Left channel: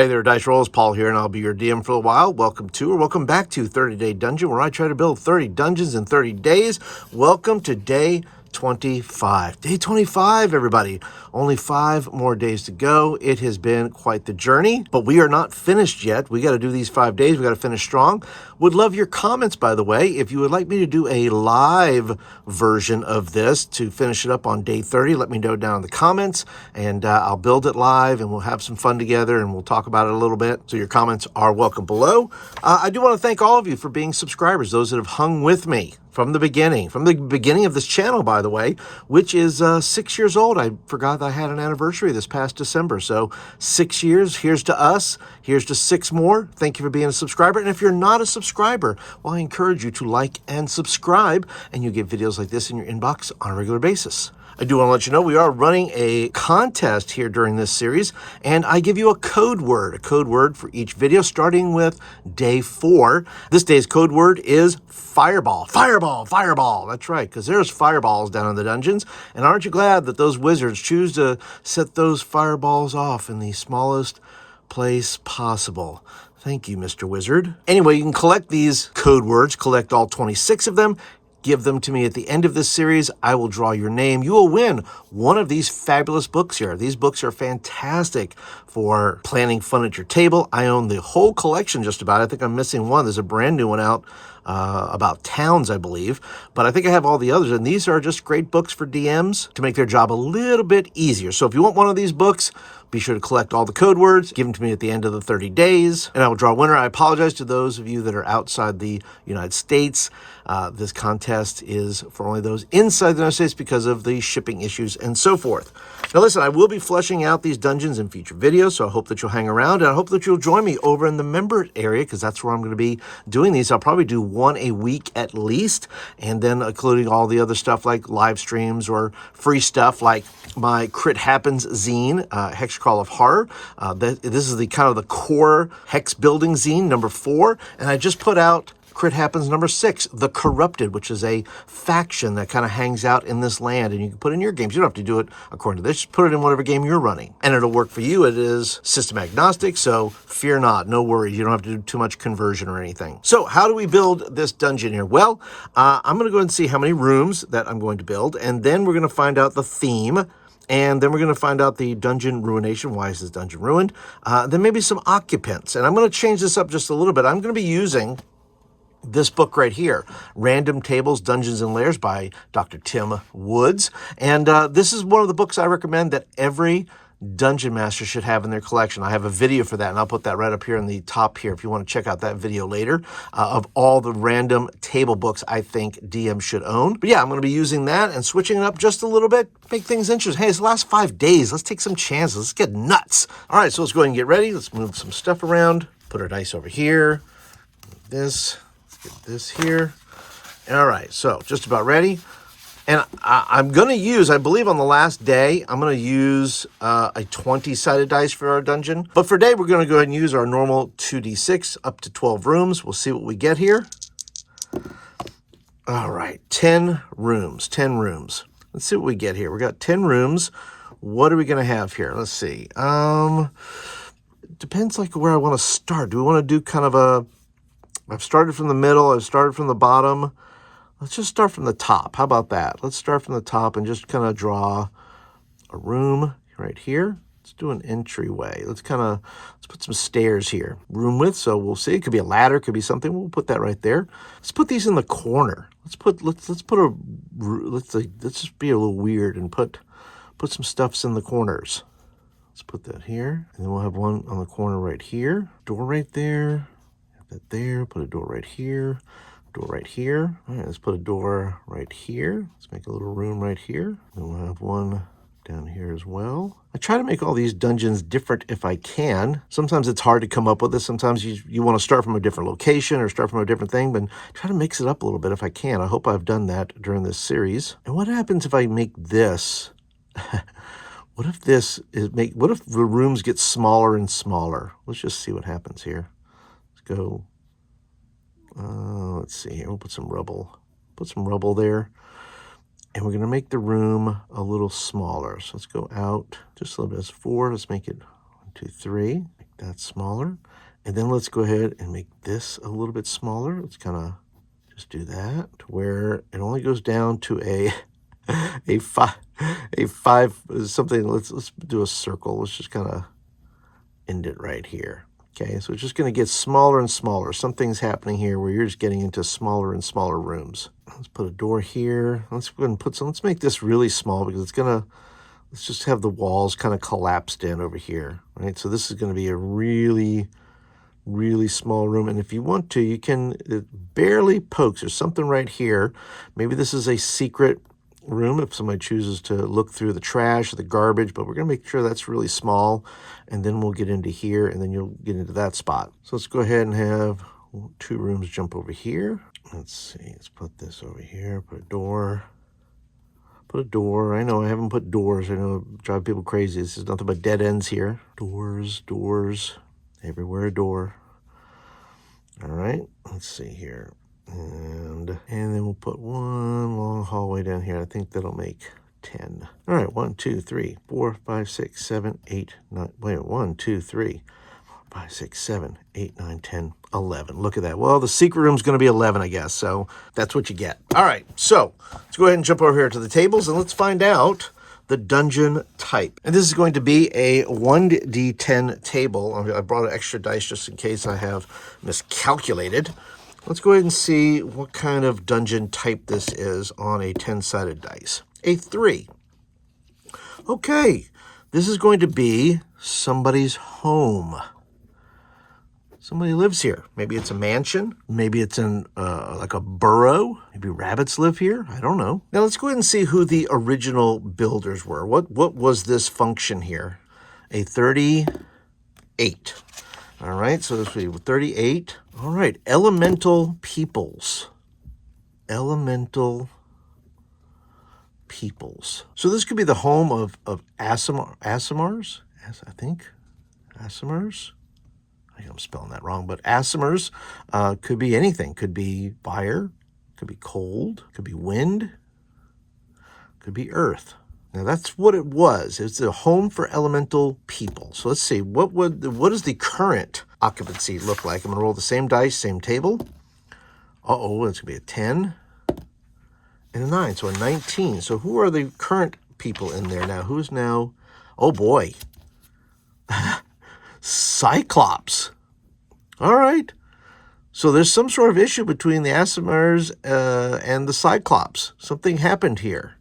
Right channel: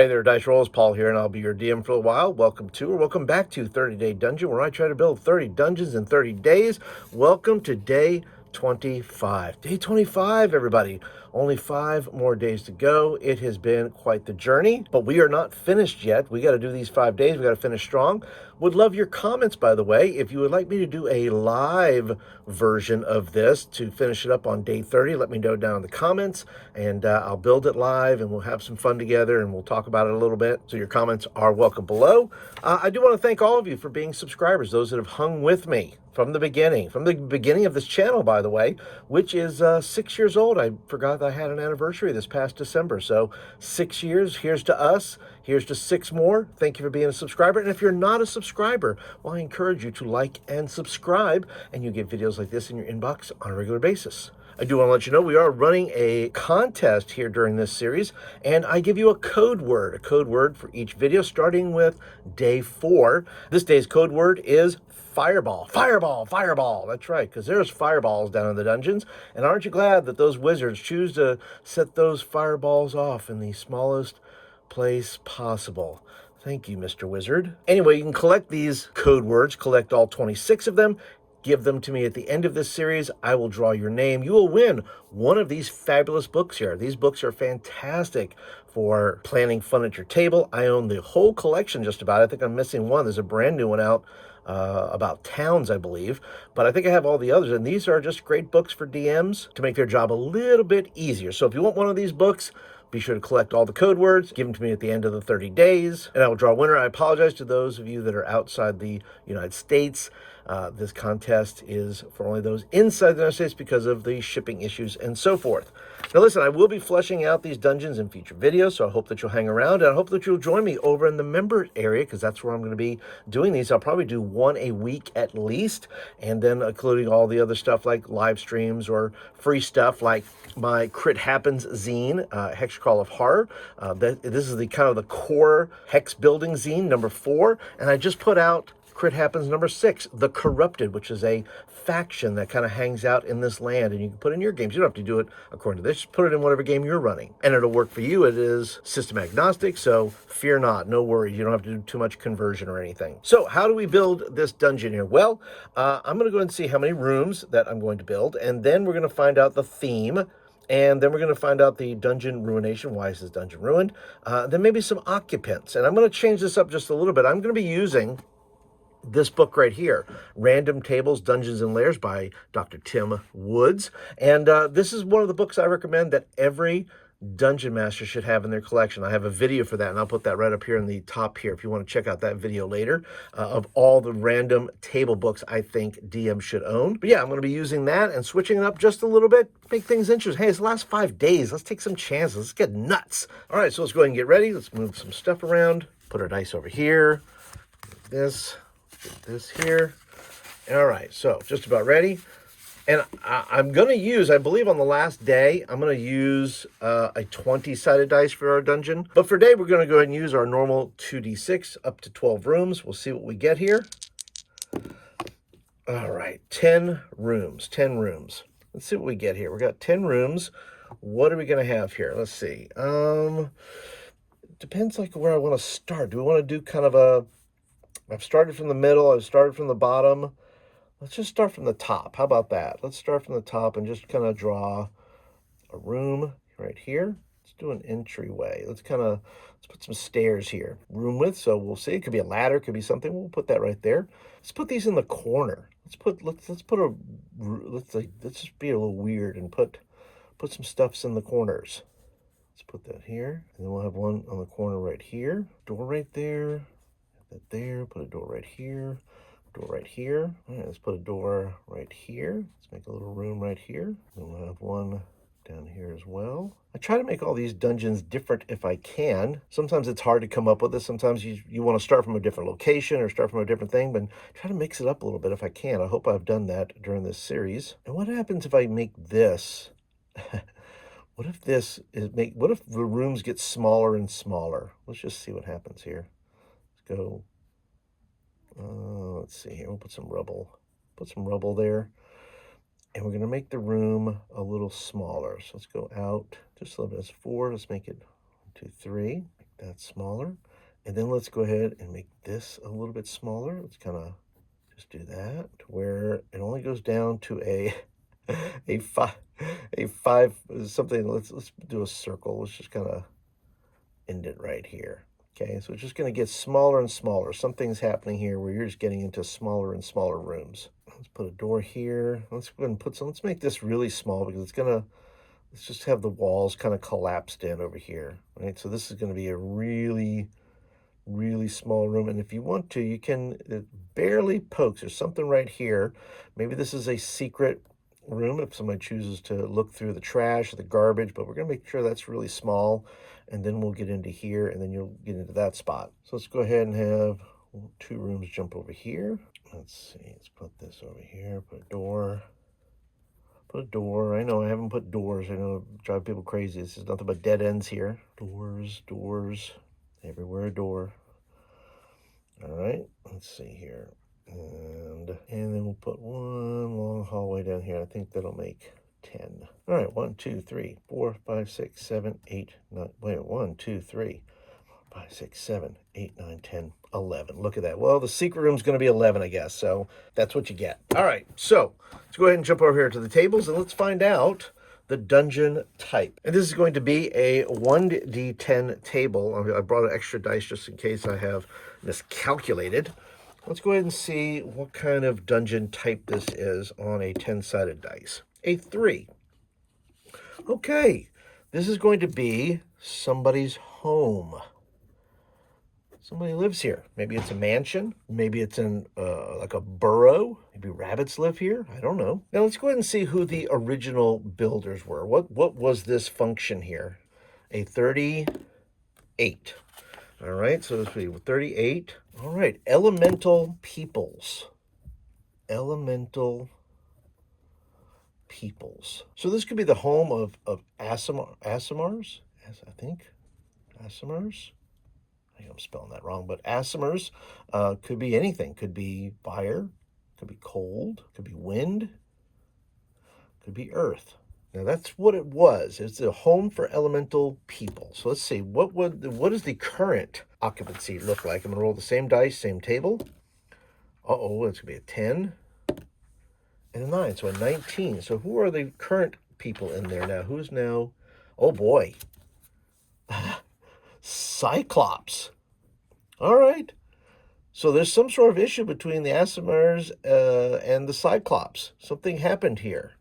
Hey there, Dice Rollers, Paul here, and I'll be your DM for a while. Welcome to, or welcome back to 30-Day Dungeon, where I try to build 30 dungeons in 30 days. Welcome to day 25. Day 25, everybody. Only 5 more days to go. It has been quite the journey, but we are not finished yet. We got to do these 5 days. We got to finish strong. Would love your comments, by the way. If you would like me to do a live version of this to finish it up on day 30, let me know down in the comments, and I'll build it live, and we'll have some fun together, and we'll talk about it a little bit. So your comments are welcome below. I do want to thank all of you for being subscribers, those that have hung with me from the beginning of this channel, by the way, which is 6 years old. I forgot that I had an anniversary this past December. So 6 years, here's to us, here's to 6 more. Thank you for being a subscriber. And if you're not a subscriber, well, I encourage you to like and subscribe, and you get videos like this in your inbox on a regular basis. I do want to let you know we are running a contest here during this series, and I give you a code word for each video, starting with day 4. This day's code word is fireball. Fireball, fireball. That's right, because there's fireballs down in the dungeons, and aren't you glad that those wizards choose to set those fireballs off in the smallest place possible? Thank you, Mr. Wizard. Anyway, you can collect these code words, collect all 26 of them, give them to me at the end of this series. I will draw your name. You will win one of these fabulous books here. These books are fantastic for planning fun at your table. I own the whole collection just about. I think I'm missing one. There's a brand new one out about towns, I believe. But I think I have all the others. And these are just great books for DMs to make their job a little bit easier. So if you want one of these books, be sure to collect all the code words, give them to me at the end of the 30 days, and I will draw a winner. I apologize to those of you that are outside the United States. This contest is for only those inside the United States because of the shipping issues and so forth. Now listen, I will be fleshing out these dungeons in future videos, so I hope that you'll hang around, and I hope that you'll join me over in the member area, because that's where I'm going to be doing these. I'll probably do one a week at least, and then including all the other stuff like live streams or free stuff like my Crit Happens zine, Hex Crawl of Horror. This is the kind of the core hex building zine, number 4, and I just put out Crit Happens number 6, The Corrupted, which is a faction that kind of hangs out in this land, and you can put in your games. You don't have to do it according to this. Just put it in whatever game you're running, and it'll work for you. It is system agnostic, so fear not. No worries. You don't have to do too much conversion or anything. So how do we build this dungeon here? Well, I'm going to go ahead and see how many rooms that I'm going to build, and then we're going to find out the theme. And then we're going to find out the dungeon ruination. Why is this dungeon ruined? Then maybe some occupants. And I'm going to change this up just a little bit. I'm going to be using this book right here, Random Tables, Dungeons and Lairs by Dr. Tim Woods. And this is one of the books I recommend that every dungeon master should have in their collection. I have a video for that, and I'll put that right up here in the top here if you want to check out that video later of all the random table books I think DM should own. But yeah, I'm going to be using that and switching it up just a little bit, make things interesting. Hey, it's the last 5 days. Let's take some chances. Let's get nuts. All right, so let's go ahead and get ready. Let's move some stuff around. Put our dice over here. This. Get this here. All right, so just about ready. And I'm going to use, I believe on the last day, I'm going to use a 20-sided dice for our dungeon. But for today, we're going to go ahead and use our normal 2d6 up to 12 rooms. We'll see what we get here. All right, 10 rooms, 10 rooms. Let's see what we get here. We got 10 rooms. What are we going to have here? Let's see. It depends like where I want to start. Do we want to do kind of a... I've started from the middle. I've started from the bottom. Let's just start from the top. How about that? Let's start from the top and just kind of draw a room right here. Let's do an entryway. Let's put some stairs here. Room width, so we'll see. It could be a ladder, it could be something. We'll put that right there. Let's put these in the corner. Let's just be a little weird and put some stuffs in the corners. Let's put that here, and then we'll have one on the corner right here. Door right there. That there, put a door right here, door right here. All right, let's put a door right here. Let's make a little room right here. Then we'll have one down here as well. I try to make all these dungeons different if I can. Sometimes it's hard to come up with this. Sometimes you want to start from a different location or start from a different thing, but try to mix it up a little bit if I can. I hope I've done that during this series. And what happens if I make this? What if the rooms get smaller and smaller? Let's just see what happens here. Go. Let's see here. We'll put some rubble. Put some rubble there. And we're going to make the room a little smaller. So let's go out just a little bit. It's 4. Let's make it 1, 2, 3. Like that smaller. And then let's go ahead and make this a little bit smaller. Let's kind of just do that to where it only goes down to a five something. Let's do a circle. Let's just kind of end it right here. Okay, so it's just going to get smaller and smaller. Something's happening here where you're just getting into smaller and smaller rooms. Let's put a door here. Let's go ahead and put some. Let's make this really small because it's gonna. Let's just have the walls kind of collapsed in over here, right? So this is going to be a really small room. And if you want to, you can, it barely pokes. There's something right here. Maybe this is a secret room if somebody chooses to look through the trash or the garbage, but we're going to make sure that's really small. And then we'll get into here, and then you'll get into that spot. So let's go ahead and have 2 rooms jump over here. Let's see. Let's put this over here. Put a door. Put a door. I know I haven't put doors. I know it drives people crazy. This is nothing but dead ends here. Doors. Everywhere a door. All right. Let's see here. And then we'll put one long hallway down here. I think that'll make 10. All right. 1, 2, 3, 4, 5, 6, 7, 8, 9. Wait, 1, 2, 3, 4, 5, 6, 7, 8, 9, 10, 11. Look at that. Well, the secret room's going to be 11, I guess. So that's what you get. All right. So let's go ahead and jump over here to the tables and let's find out the dungeon type. And this is going to be a 1d10 table. I brought an extra dice just in case I have miscalculated. Let's go ahead and see what kind of dungeon type this is on a 10-sided dice. A 3. Okay. This is going to be somebody's home. Somebody lives here. Maybe it's a mansion. Maybe it's in like a burrow. Maybe rabbits live here. I don't know. Now let's go ahead and see who the original builders were. What was this function here? A 38. All right, so this would be 38. All right, elemental peoples. Elemental peoples. So this could be the home of Aasimars, I think. Aasimars. I'm spelling that wrong, but Aasimars could be anything. Could be fire, could be cold, could be wind, could be earth. Now that's what it was. It's a home for elemental people. So let's see, what does the current occupancy look like? I'm gonna roll the same dice, same table. Uh-oh, it's gonna be a 10 and a 9, so a 19. So who are the current people in there now? Who's now, oh boy. Cyclops. All right. So there's some sort of issue between the Aasimars and the Cyclops. Something happened here.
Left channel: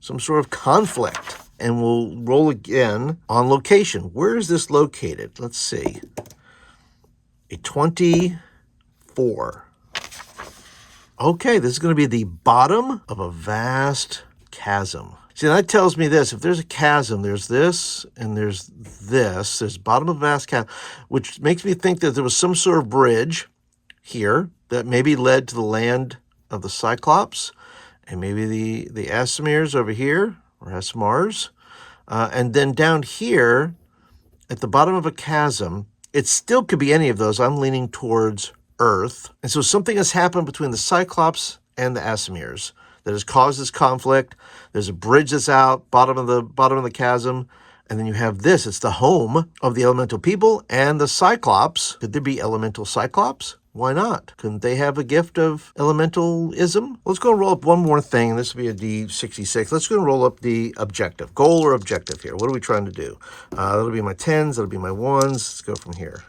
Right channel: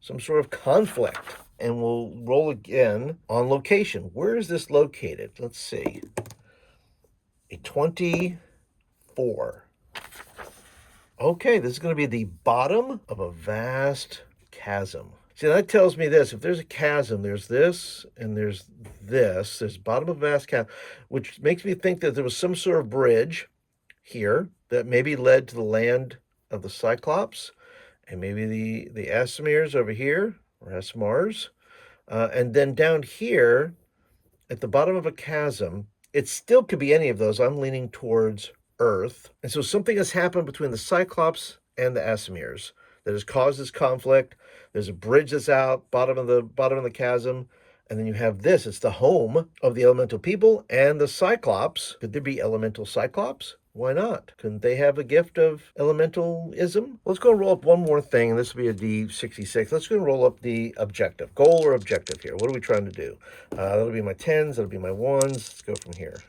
Some sort of conflict. And we'll roll again on location. Where is this located? Let's see. A 24. Okay, this is going to be the bottom of a vast chasm. See, that tells me this. If there's a chasm, there's this, and there's this. There's bottom of a vast chasm, which makes me think that there was some sort of bridge here that maybe led to the land of the Cyclops, and maybe the Aasimars over here, or Aasimars. And then down here, at the bottom of a chasm, it still could be any of those. I'm leaning towards Earth. And so something has happened between the Cyclops and the Aasimars that has caused this conflict. There's a bridge that's out, bottom of the chasm, and then you have this. It's the home of the elemental people and the Cyclops. Could there be elemental Cyclops? Why not? Couldn't they have a gift of elementalism? Let's go and roll up one more thing, and this will be a D66. Let's go and roll up the objective. Goal or objective here. What are we trying to do? That'll be my 10s. That'll be my 1s. Let's go from here.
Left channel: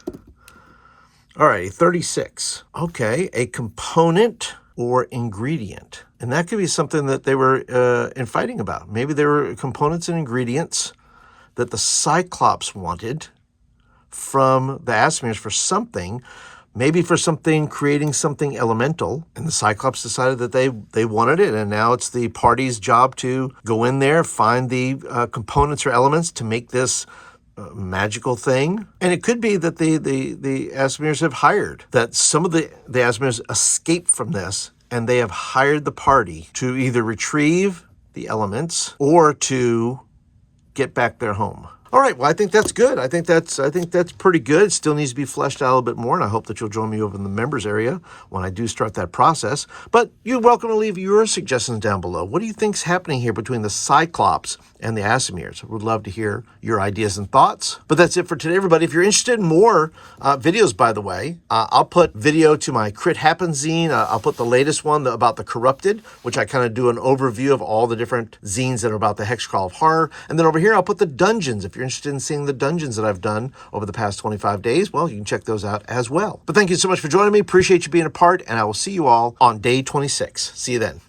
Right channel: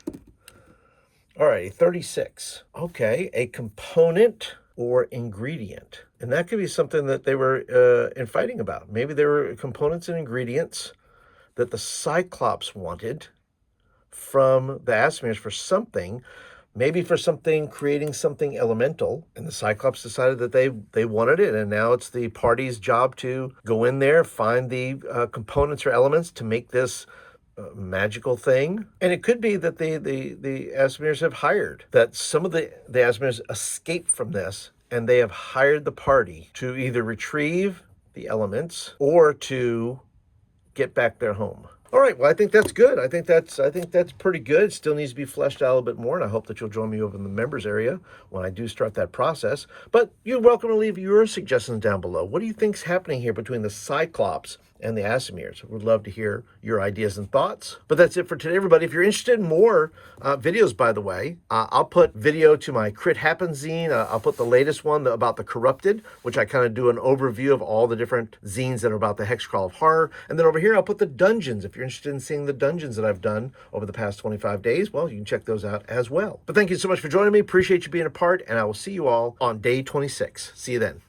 All right, 36. Okay, a component or ingredient. And that could be something that they were fighting about. Maybe there were components and ingredients that the Cyclops wanted from the Aasimars for something, maybe for something, creating something elemental. And the Cyclops decided that they wanted it, and now it's the party's job to go in there, find the components or elements to make this magical thing. And it could be that the Aasimars have hired, that some of the Aasimars escaped from this, and they have hired the party to either retrieve the elements or to get back their home. All right, well, I think that's good. I think that's pretty good. It still needs to be fleshed out a little bit more, and I hope that you'll join me over in the members area when I do start that process. But you're welcome to leave your suggestions down below. What do you think's happening here between the Cyclops and the Asimirs. Would love to hear your ideas and thoughts. But that's it for today, everybody. If you're interested in more videos, by the way, I'll put video to my Crit Happen zine. I'll put the latest one about the Corrupted, which I kind of do an overview of all the different zines that are about the Hexcrawl of Horror. And then over here, I'll put the dungeons. If you're interested in seeing the dungeons that I've done over the past 25 days, well, you can check those out as well. But thank you so much for joining me. Appreciate you being a part, and I will see you all on day 26. See you then.